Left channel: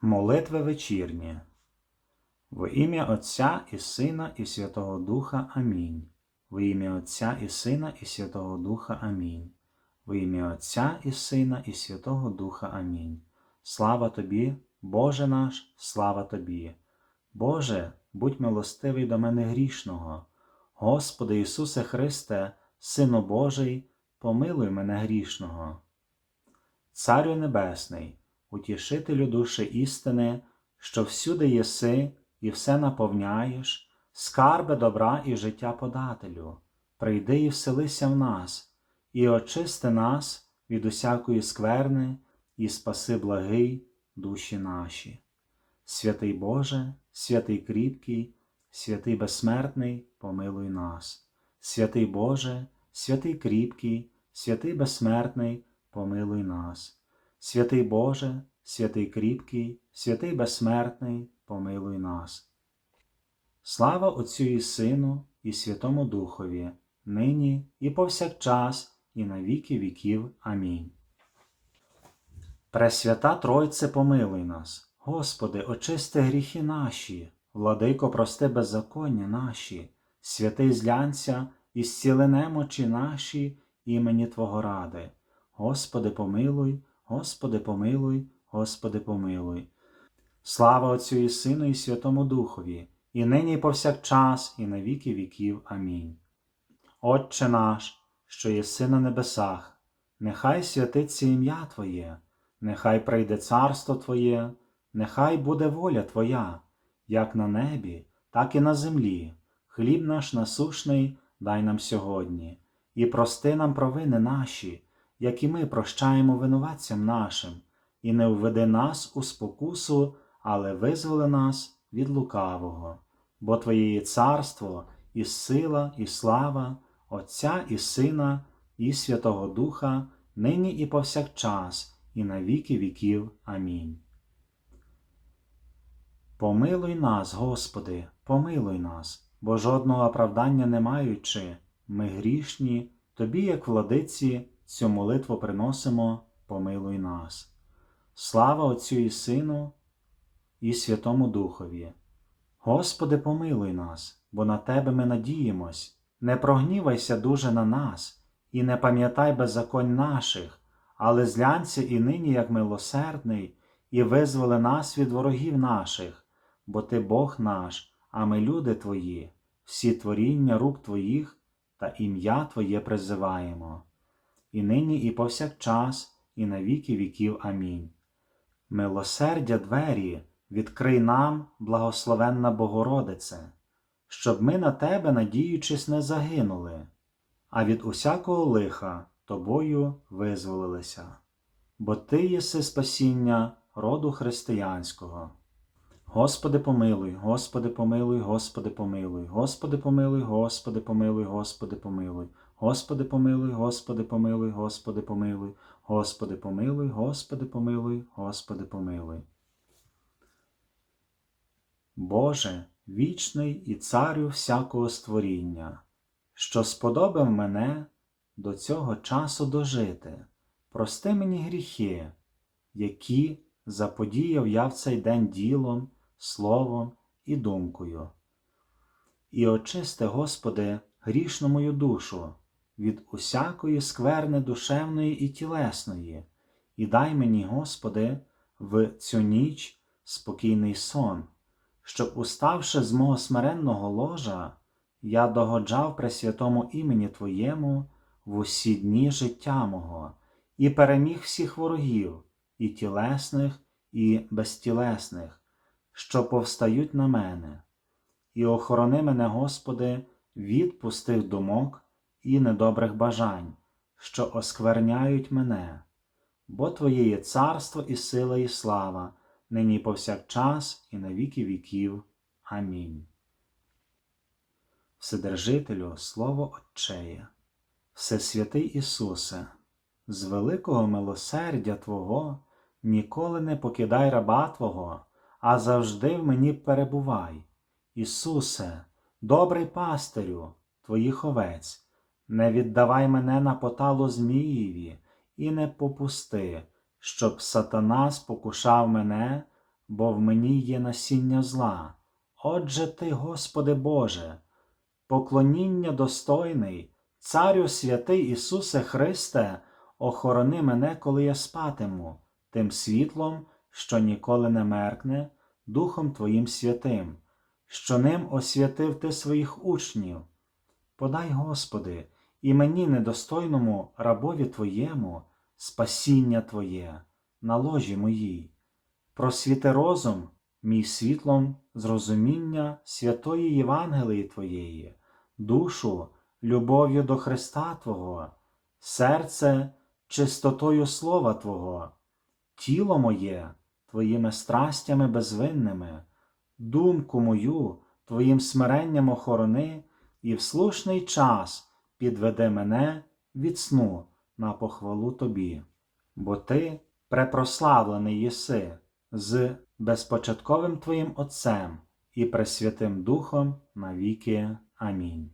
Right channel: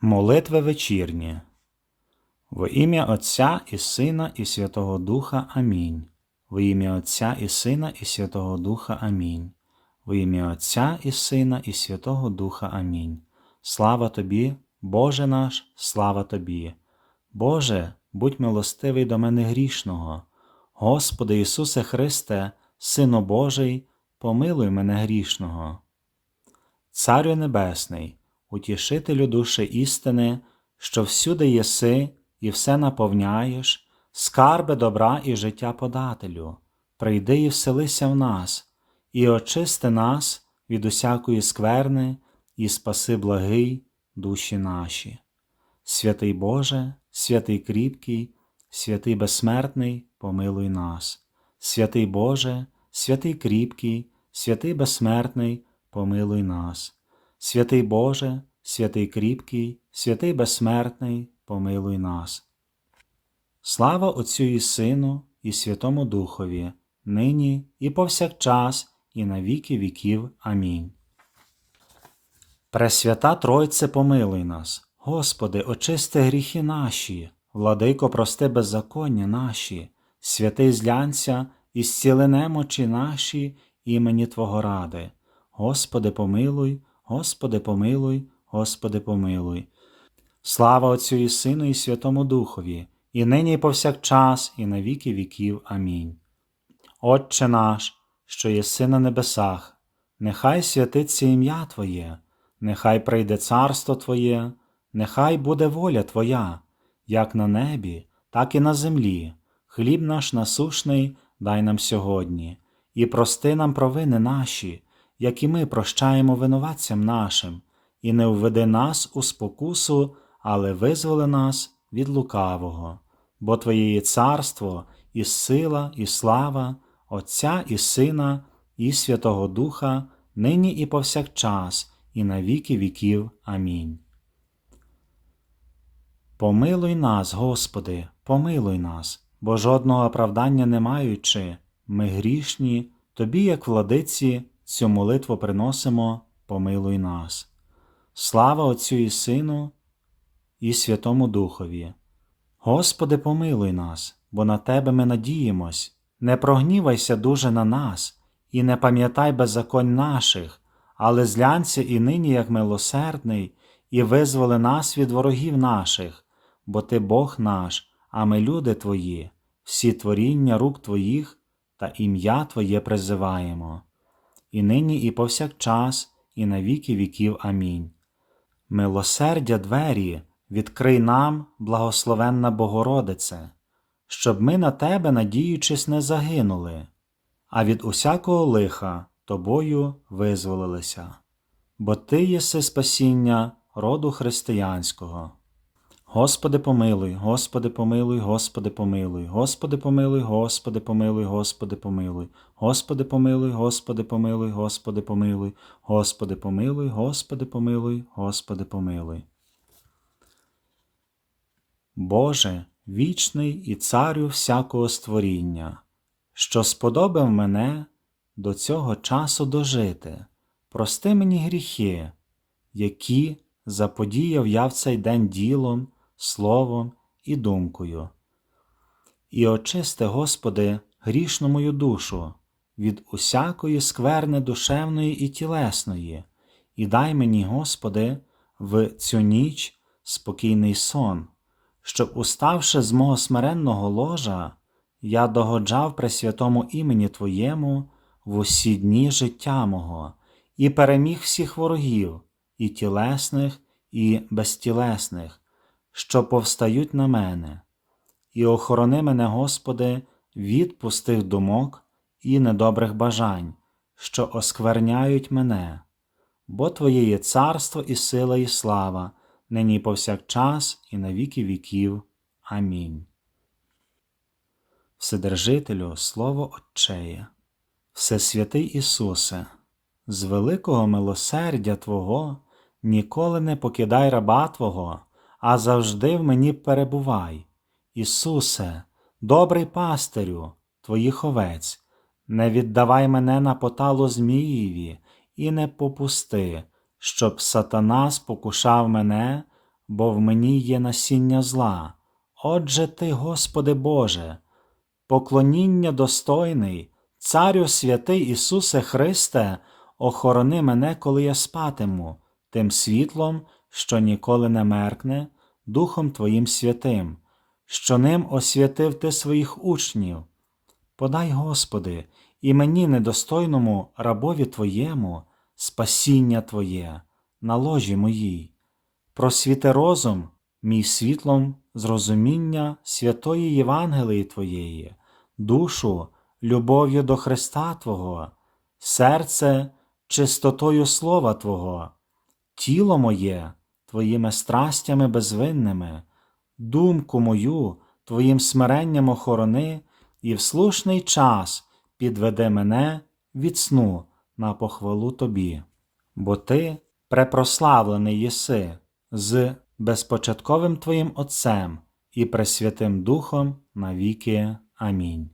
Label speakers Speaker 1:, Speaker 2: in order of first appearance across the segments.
Speaker 1: Молитви вечірні. Во ім'я Отця і Сина і Святого Духа Амінь. Во ім'я Отця і Сина і Святого Духа Амінь. Во ім'я Отця і Сина і Святого Духа Амінь. Слава тобі, Боже наш, слава тобі. Боже, будь милостивий до мене грішного. Господи Ісусе Христе, Сино Божий, помилуй мене грішного. Царю Небесний, утішителю душі істини, що всюди єси і все наповняєш, скарби добра і життя подателю, прийди і вселися в нас, і очисти нас від усякої скверни, і спаси благий душі наші. Святий Боже, святий кріпкий, святий безсмертний, помилуй нас. Святий Боже, святий кріпкий, святий безсмертний, помилуй нас. Святий Боже, святий кріпкий, святий безсмертний, помилуй нас. Слава Отцю і Сину, і Святому Духові, нині і повсякчас, і на віки віків. Амінь. Пресвята Тройце, помилуй нас, Господи, очисти гріхи наші, владико, прости беззаконня наші, святий злянця, і зціли немочі наші імені Твого ради. Господи, помилуй, Господи, помилуй, Господи, помилуй. Слава Отцю і Сину, і Святому Духові, і нині, і повсякчас, і на віки віків. Амінь. Отче наш, що єси на небесах, нехай святиться ім'я Твоє, нехай прийде царство Твоє, нехай буде воля Твоя, як на небі, так і на землі. Хліб наш насушний дай нам сьогодні, і прости нам провини наші, як і ми прощаємо винуватцям нашим, і не введи нас у спокусу, але визволи нас від лукавого. Бо Твоє є царство, і сила, і слава, Отця і Сина, і Святого Духа, нині і повсякчас, і на віки віків. Амінь. Помилуй нас, Господи, помилуй нас, бо жодного оправдання не маючи, ми грішні, Тобі, як владиці, цю молитву приносимо, помилуй нас. Слава Отцю і Сину, і Святому Духові. Господи, помилуй нас, бо на Тебе ми надіємось, не прогнівайся дуже на нас, і не пам'ятай беззаконь наших, але зглянься і нині, як милосердний, і визволи нас від ворогів наших, бо Ти Бог наш, а ми люди Твої, всі творіння рук Твоїх та ім'я Твоє призиваємо. І нині, і повсякчас, і на віки віків. Амінь. Милосердя двері, відкрий нам, благословенна Богородице, щоб ми на Тебе, надіючись, не загинули, а від усякого лиха Тобою визволилися. Бо Ти єси спасіння роду християнського. Господи помилуй, Господи помилуй, Господи помилуй, Господи помилуй, Господи помилуй, Господи помилуй, Господи помилуй, Господи помилуй, Господи помилуй, Господи помилуй, Господи помилуй, Господи помилуй. Боже, вічний і царю всякого створіння, що сподобав мене до цього часу дожити, прости мені гріхи, які заподіяв я в цей день ділом, словом і думкою. І очисти, Господи, грішну мою душу від усякої скверни душевної і тілесної, і дай мені, Господи, в цю ніч спокійний сон, щоб, уставши з мого смиренного ложа, я догоджав при святому імені Твоєму в усі дні життя мого і переміг всіх ворогів, і тілесних, і безтілесних, що повстають на мене, і охорони мене, Господи, від пустих думок і недобрих бажань, що оскверняють мене, бо Твоє є царство і сила, і слава, нині повсякчас, і на віки віків. Амінь. Вседержителю, Слово Отчеє, Всесвятий Ісусе, з великого милосердя Твого ніколи не покидай раба Твого, а завжди в мені перебувай. Ісусе, добрий пастирю, Твоїх овець, не віддавай мене на поталу Змієві і не попусти, щоб сатана спокушав мене бо в мені є насіння зла. Отже ти, Господи Боже, поклоніння достойний, Царю святий Ісусе Христе, охорони мене, коли я спатиму, тим світлом, що ніколи не меркне, Духом Твоїм святим, що ним освятив Ти своїх учнів. Подай, Господи, і мені недостойному рабові Твоєму спасіння Твоє на ложі моїй. Просвіти розум, мій світлом зрозуміння святої Євангелії Твоєї, душу любов'ю до Христа Твого, серце чистотою Слова Твого, тіло моє Твоїми страстями безвинними, думку мою Твоїм смиренням охорони і в слушний час підведе мене від сну на похвалу Тобі, бо Ти препрославлений єси з безпочатковим Твоїм Отцем і Пресвятим Духом навіки. Амінь.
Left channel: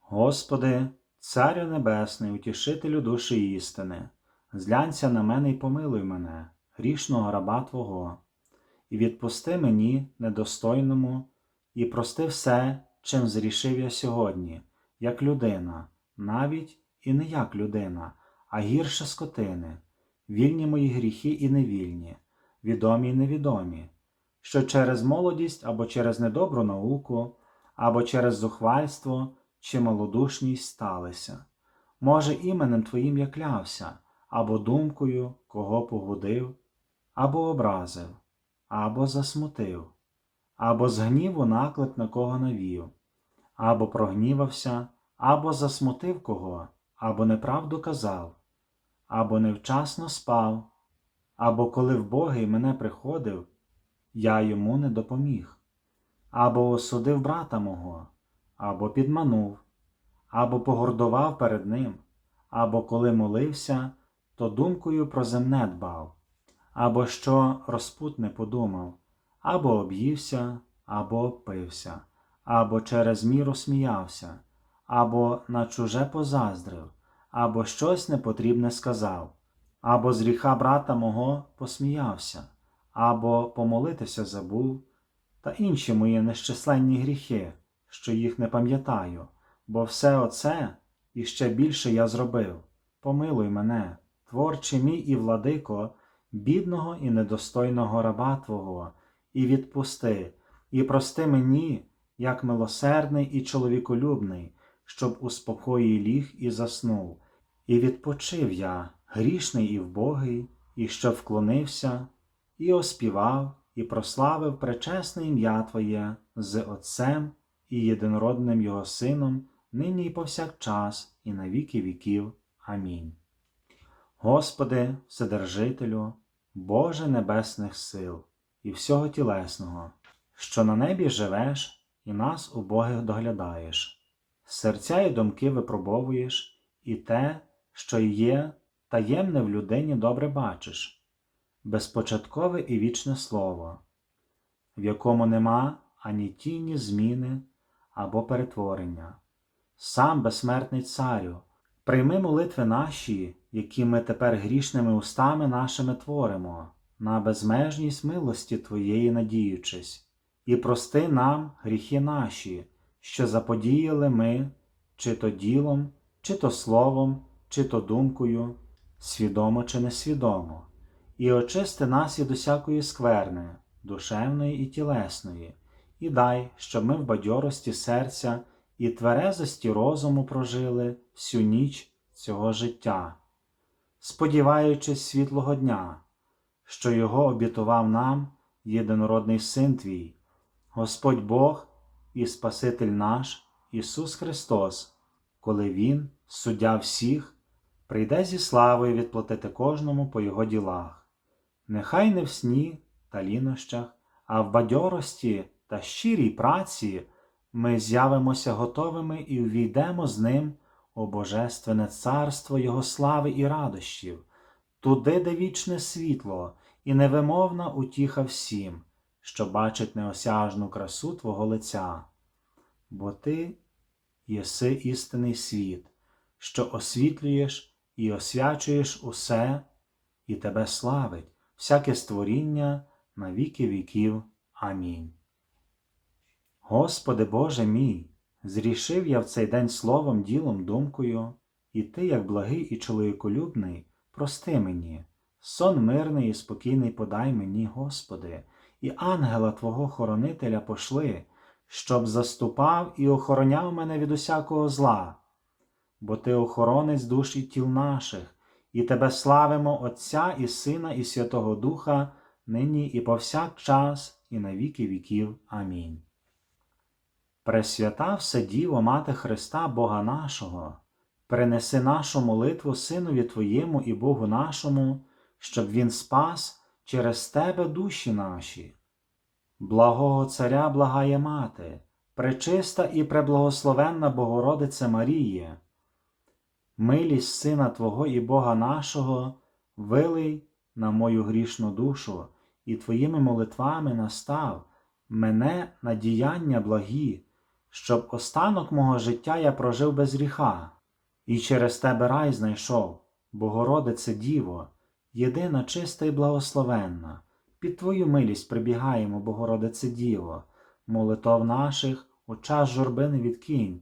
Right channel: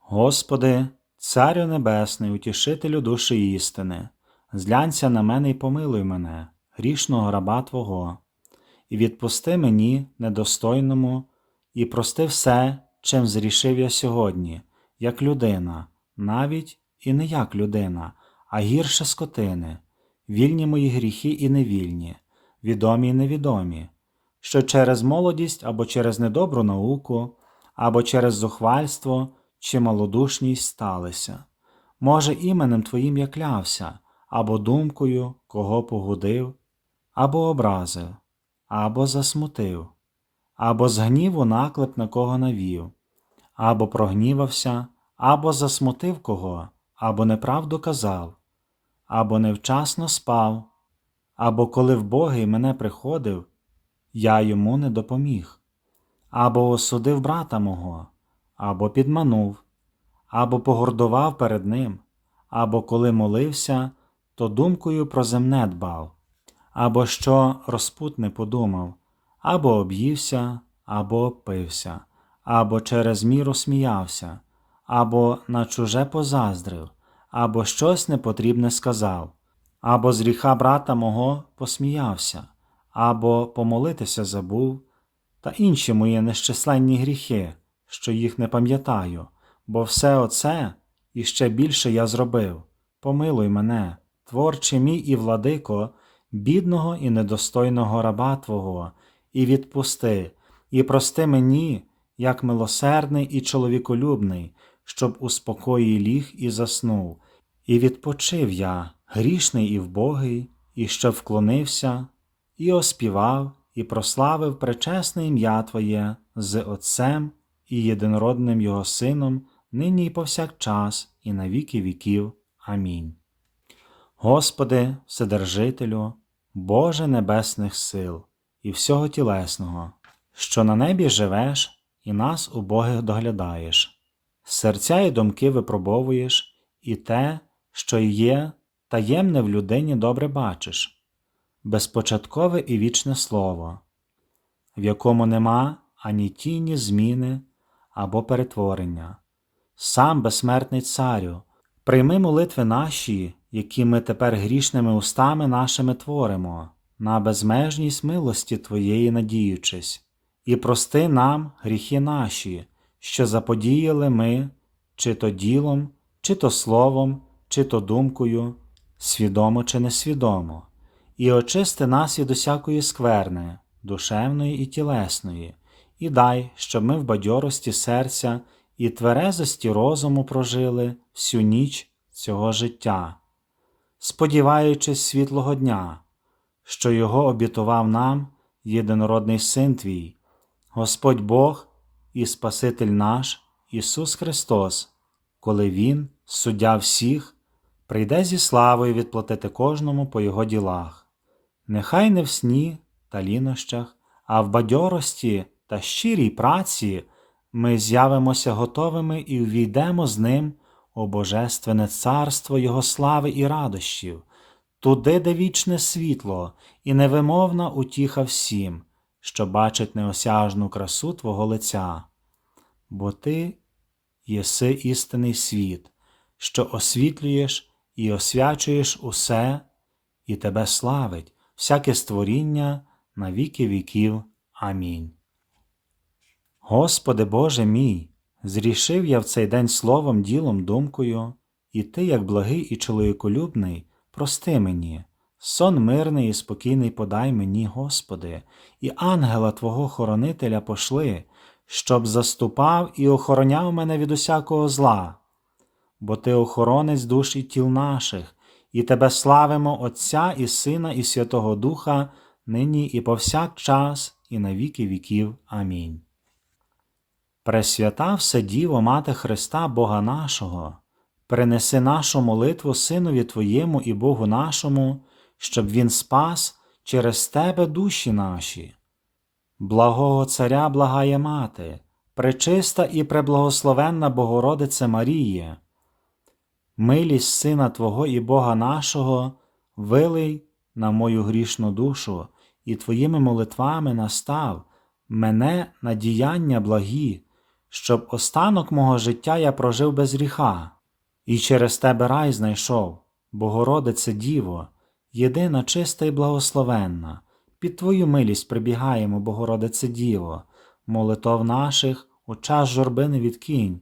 Speaker 1: Господи, Царю Небесний, утішителю душі істини, зглянься на мене і помилуй мене, грішного раба Твого, і відпусти мені, недостойному, і прости все, чим зрішив я сьогодні, як людина, навіть і не як людина, а гірше скотини, вільні мої гріхи і невільні, відомі і невідомі, що через молодість або через недобру науку, або через зухвальство чи малодушність сталися. Може, іменем Твоїм я клявся, або думкою, кого погодив, або образив, або засмутив, або з гніву наклеп на кого навів, або прогнівався, або засмутив кого, або неправду казав, або невчасно спав, або коли вбогий мене приходив, я йому не допоміг, або осудив брата мого, або підманув, або погордував перед ним, або коли молився, то думкою про земне дбав, або що розпутне подумав, або об'ївся, або опився, або через міру сміявся, або на чуже позаздрив, або щось непотрібне сказав, або з гріха брата мого посміявся, або помолитися забув, та інші мої нещисленні гріхи, що їх не пам'ятаю, бо все оце і ще більше я зробив. Помилуй мене, творче мій і владико, бідного і недостойного раба Твого, і відпусти, і прости мені, як милосердний і чоловіколюбний, щоб у спокої ліг і заснув, і відпочив я, грішний і вбогий, і щоб вклонився, і оспівав, і прославив пречесне ім'я Твоє з Отцем і єдинородним Його Сином, нині і повсякчас, і на віки віків. Амінь. Господи, Вседержителю, Боже Небесних сил і всього тілесного, що на небі живеш і нас убогих доглядаєш, серця і думки випробовуєш, і те, що є, таємне в людині добре бачиш, безпочаткове і вічне слово, в якому нема ані тіні зміни або перетворення. Сам безсмертний царю, прийми молитви наші, які ми тепер грішними устами нашими творимо, на безмежність милості Твоєї надіючись, і прости нам гріхи наші, що заподіяли ми, чи то ділом, чи то словом, чи то думкою, свідомо чи несвідомо, і очисти нас від усякої скверни, душевної і тілесної, і дай, щоб ми в бадьорості серця і тверезості розуму прожили всю ніч цього життя, сподіваючись світлого дня, що його обітував нам єдинородний Син Твій, Господь Бог і Спаситель наш Ісус Христос, коли Він, суддя всіх, прийде зі славою відплатити кожному по Його ділах, нехай не в сні та лінощах, а в бадьорості та щирій праці ми з'явимося готовими і увійдемо з ним у Божественне царство Його слави і радощів, туди, де вічне світло і невимовна утіха всім, що бачить неосяжну красу Твого лиця. Бо Ти єси істинний світ, що освітлюєш і освячуєш усе, і Тебе славить, всяке створіння на віки віків. Амінь. Господи Боже мій, зрішив я в цей день словом, ділом, думкою, і Ти, як благий і чоловіколюбний, прости мені, сон мирний і спокійний подай мені, Господи, і ангела Твого хоронителя пошли, щоб заступав і охороняв мене від усякого зла. Бо Ти охоронець душ і тіл наших, і Тебе славимо Отця і Сина, і Святого Духа, нині і повсякчас, і на віки віків. Амінь. Пресвята Вседіво, Мати Христа, Бога нашого, принеси нашу молитву Синові Твоєму і Богу нашому, щоб Він спас через Тебе душі наші. Благого Царя благає Мати, пречиста і преблагословенна Богородице Маріє, милість Сина Твого і Бога нашого, вилий на мою грішну душу, і Твоїми молитвами настав мене на діяння благі, щоб останок мого життя я прожив без гріха, і через Тебе рай знайшов, Богородице Діво, єдина чиста і благословенна, під Твою милість прибігаємо, Богородице Діво, молитов наших у час журби не відкинь,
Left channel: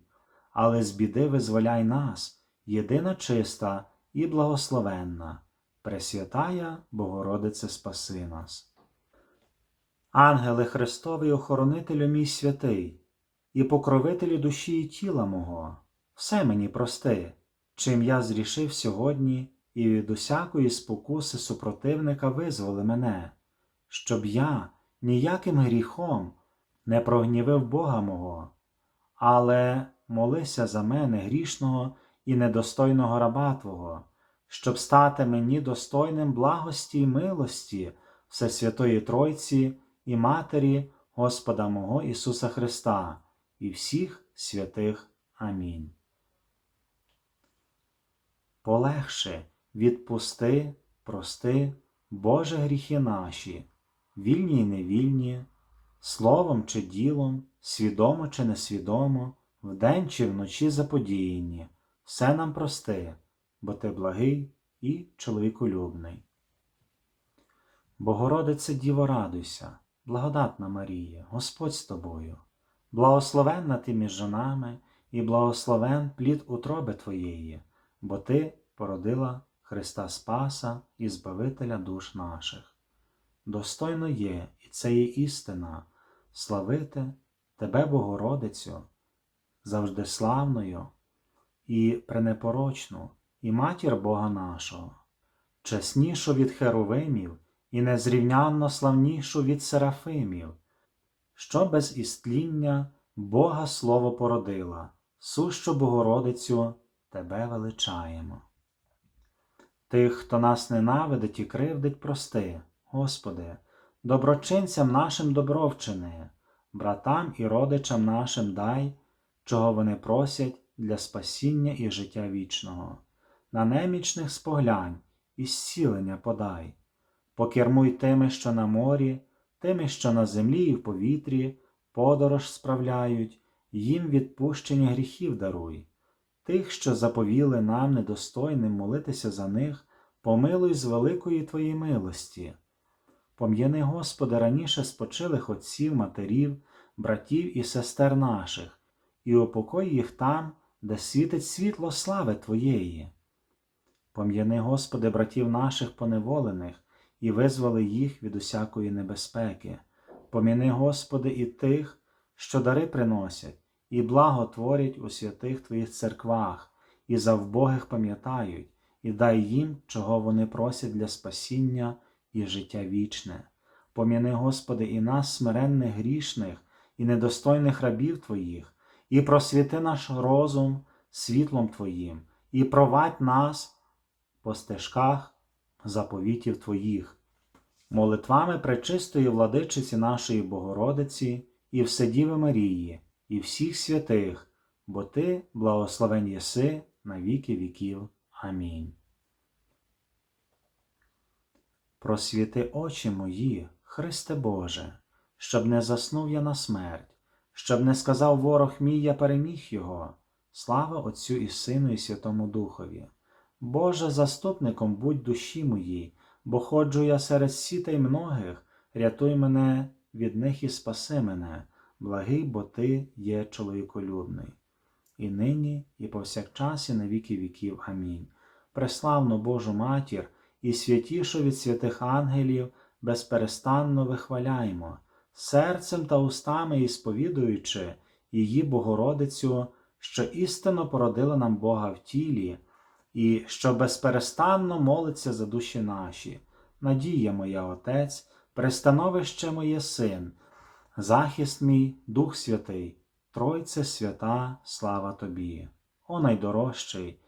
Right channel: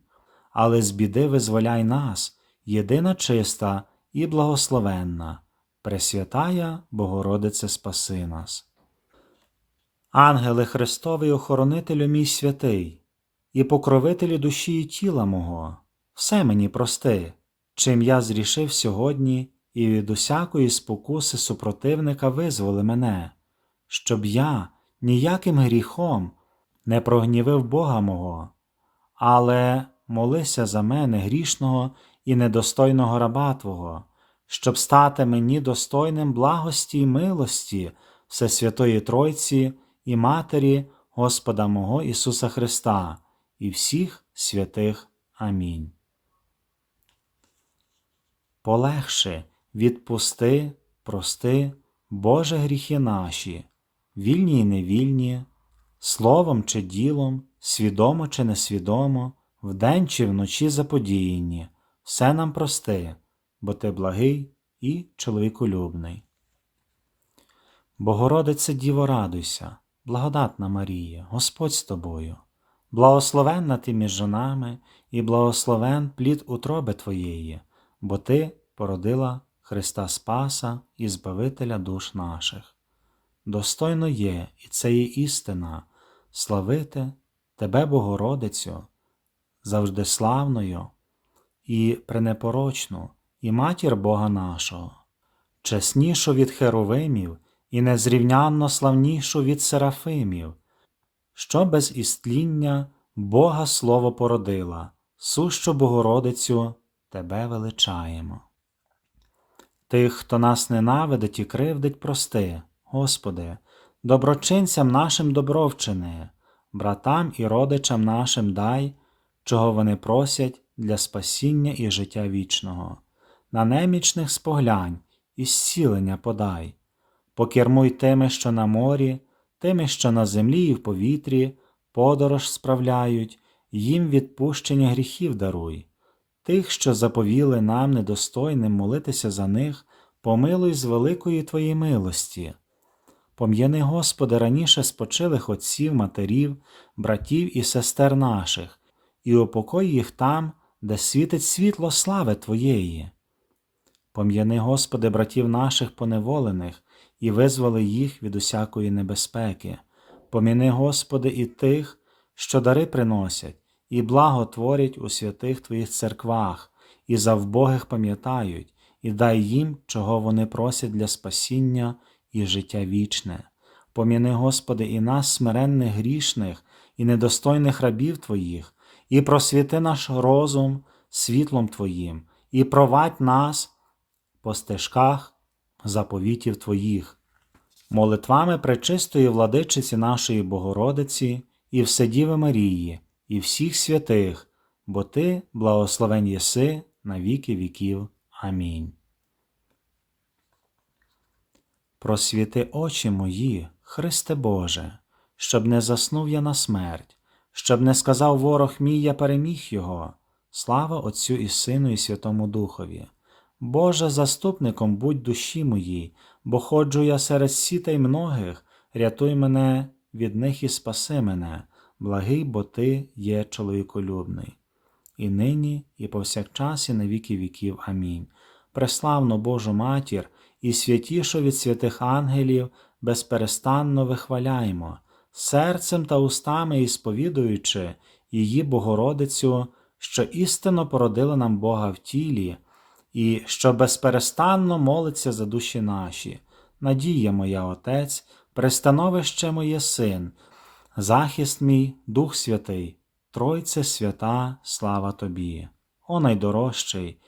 Speaker 1: але з біди визволяй нас, єдина чиста і благословенна, Пресвятая Богородице спаси нас. Ангеле Христовий, охоронителю мій святий, і покровителю душі і тіла мого, все мені прости, чим я зрішив сьогодні, і від усякої спокуси супротивника визволи мене, щоб я ніяким гріхом не прогнівив Бога мого, але молися за мене грішного і недостойного раба Твого, щоб стати мені достойним благості й милості Всесвятої Тройці і Матері Господа мого Ісуса Христа і всіх святих. Амінь. Полегше відпусти, прости, Боже гріхи наші, вільні й невільні, словом чи ділом, свідомо чи несвідомо, вдень чи вночі заподіяні, все нам прости, бо ти благий і чоловіколюбний. Богородице Діво, радуйся, благодатна Марія, Господь з тобою, благословенна ти між жонами і благословен плід утроби Твоєї, бо Ти породила Христа Спаса і Збавителя душ наших. Достойно є, і це є істина, славити Тебе, Богородицю, завжди славною і пренепорочну, і матір Бога нашого, чеснішу від херовимів і незрівнянно славнішу від серафимів, що без істління Бога Слово породила, сущу Богородицю Тебе величаємо. Тих, хто нас ненавидить і кривдить, прости, Господи, доброчинцям нашим добровчини, братам і родичам нашим дай, чого вони просять для спасіння і життя вічного, на немічних споглянь і зцілення подай, покермуй тими, що на морі, тими, що на землі і в повітрі, подорож справляють, їм відпущення гріхів даруй. Тих, що заповіли нам недостойним молитися за них, помилуй з великої Твоєї милості. Пом'яни, Господи, раніше спочилих отців, матерів, братів і сестер наших, і упокой їх там, де світить світло слави Твоєї. Пом'яни, Господи, братів наших поневолених, і визволи їх від усякої небезпеки. Поміни, Господи, і тих, що дари приносять, і благо творять у святих Твоїх церквах, і за вбогих пам'ятають, і дай їм, чого вони просять для спасіння і життя вічне. Поміни, Господи, і нас, смиренних грішних, і недостойних рабів Твоїх, і просвіти наш розум світлом Твоїм, і провадь нас по стежках заповітів Твоїх, молитвами пречистої владичиці нашої Богородиці і Вседіви Марії, і всіх святих, бо Ти благословен єси на віки віків. Амінь. Просвіти очі мої, Христе Боже, щоб не заснув я на смерть, щоб не сказав ворог мій, я переміг його. Слава Отцю і Сину, і Святому Духові. Боже, заступником будь душі моїй, бо ходжу я серед сітей многих, рятуй мене від них і спаси мене, благий, бо ти є чоловіколюбний. І нині, і повсякчас, і на віки віків. Амінь. Преславну Божу Матір і святішу від святих ангелів безперестанно вихваляймо, серцем та устами і сповідуючи її Богородицю, що істинно породила нам Бога в тілі, і що безперестанно молиться за душі наші. Надія моя Отець, пристановище моє Син, захист мій, Дух Святий, Тройце свята, слава Тобі, о найдорожчий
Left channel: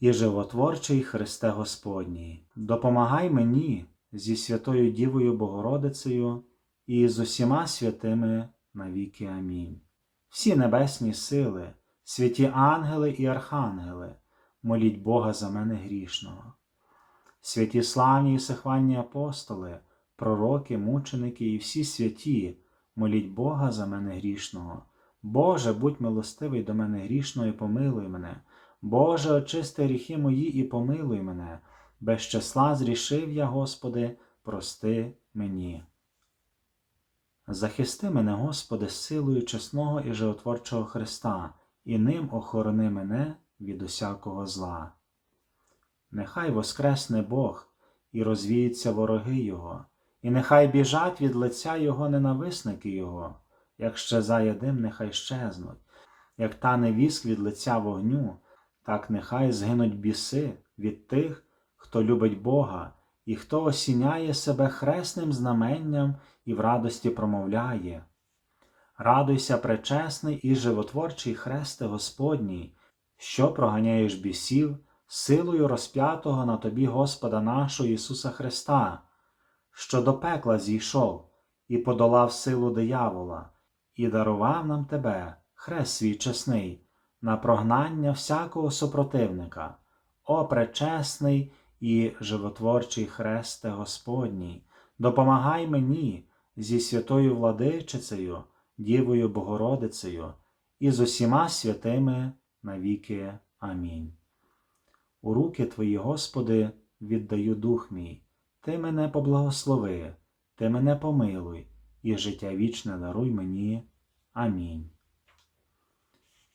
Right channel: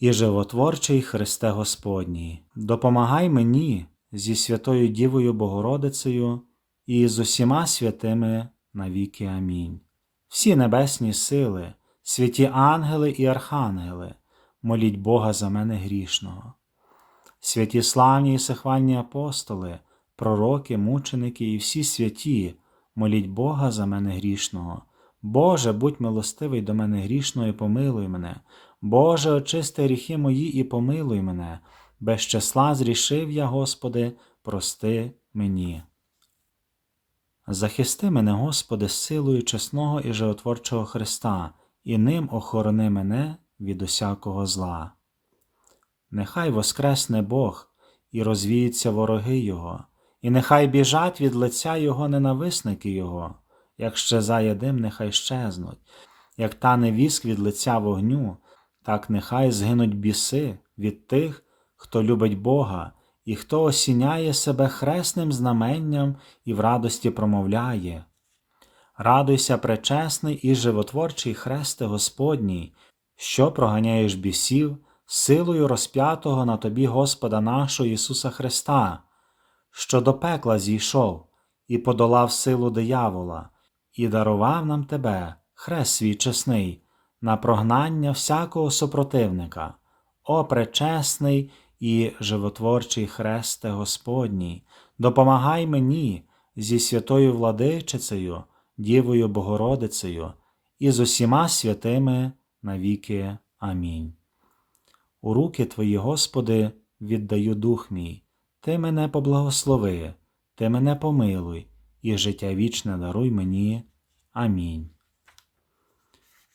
Speaker 1: і животворчий Христе Господній, допомагай мені зі Святою Дівою Богородицею і з усіма святими навіки. Амінь. Всі небесні сили, святі ангели і архангели, моліть Бога за мене грішного. Святі славні і сихвальні апостоли, пророки, мученики і всі святі, моліть Бога за мене грішного. Боже, будь милостивий до мене грішного і помилуй мене. Боже, очисти гріхи мої і помилуй мене. Без числа зрішив я, Господи, прости мені. Захисти мене, Господи, силою чесного і животворчого Христа, і ним охорони мене від усякого зла. Нехай воскресне Бог і розвіються вороги Його, і нехай біжать від лиця Його ненависники Його, як щезає дим, нехай щезнуть, як тане віск від лиця вогню, так нехай згинуть біси від тих, хто любить Бога, і хто осіняє себе хресним знаменням і в радості промовляє. Радуйся, пречесний і животворчий хресте Господній, що проганяєш бісів силою розп'ятого на тобі Господа нашого Ісуса Христа, що до пекла зійшов і подолав силу диявола, і дарував нам тебе, хрест свій чесний, на прогнання всякого супротивника, о пречесний і животворчий хресте Господній, допомагай мені зі святою владичицею, Дівою Богородицею і з усіма святими навіки. Амінь. У руки Твої, Господи, віддаю дух мій, Ти мене поблагослови, Ти мене помилуй, і життя вічне даруй мені. Амінь.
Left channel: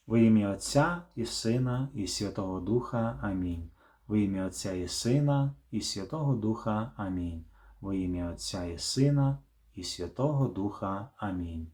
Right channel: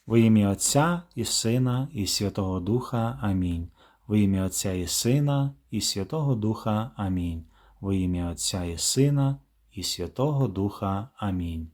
Speaker 1: Во ім'я Отця і Сина, і Святого Духа. Амінь. Во ім'я Отця і Сина, і Святого Духа. Амінь. Во ім'я Отця і Сина, і Святого Духа. Амінь.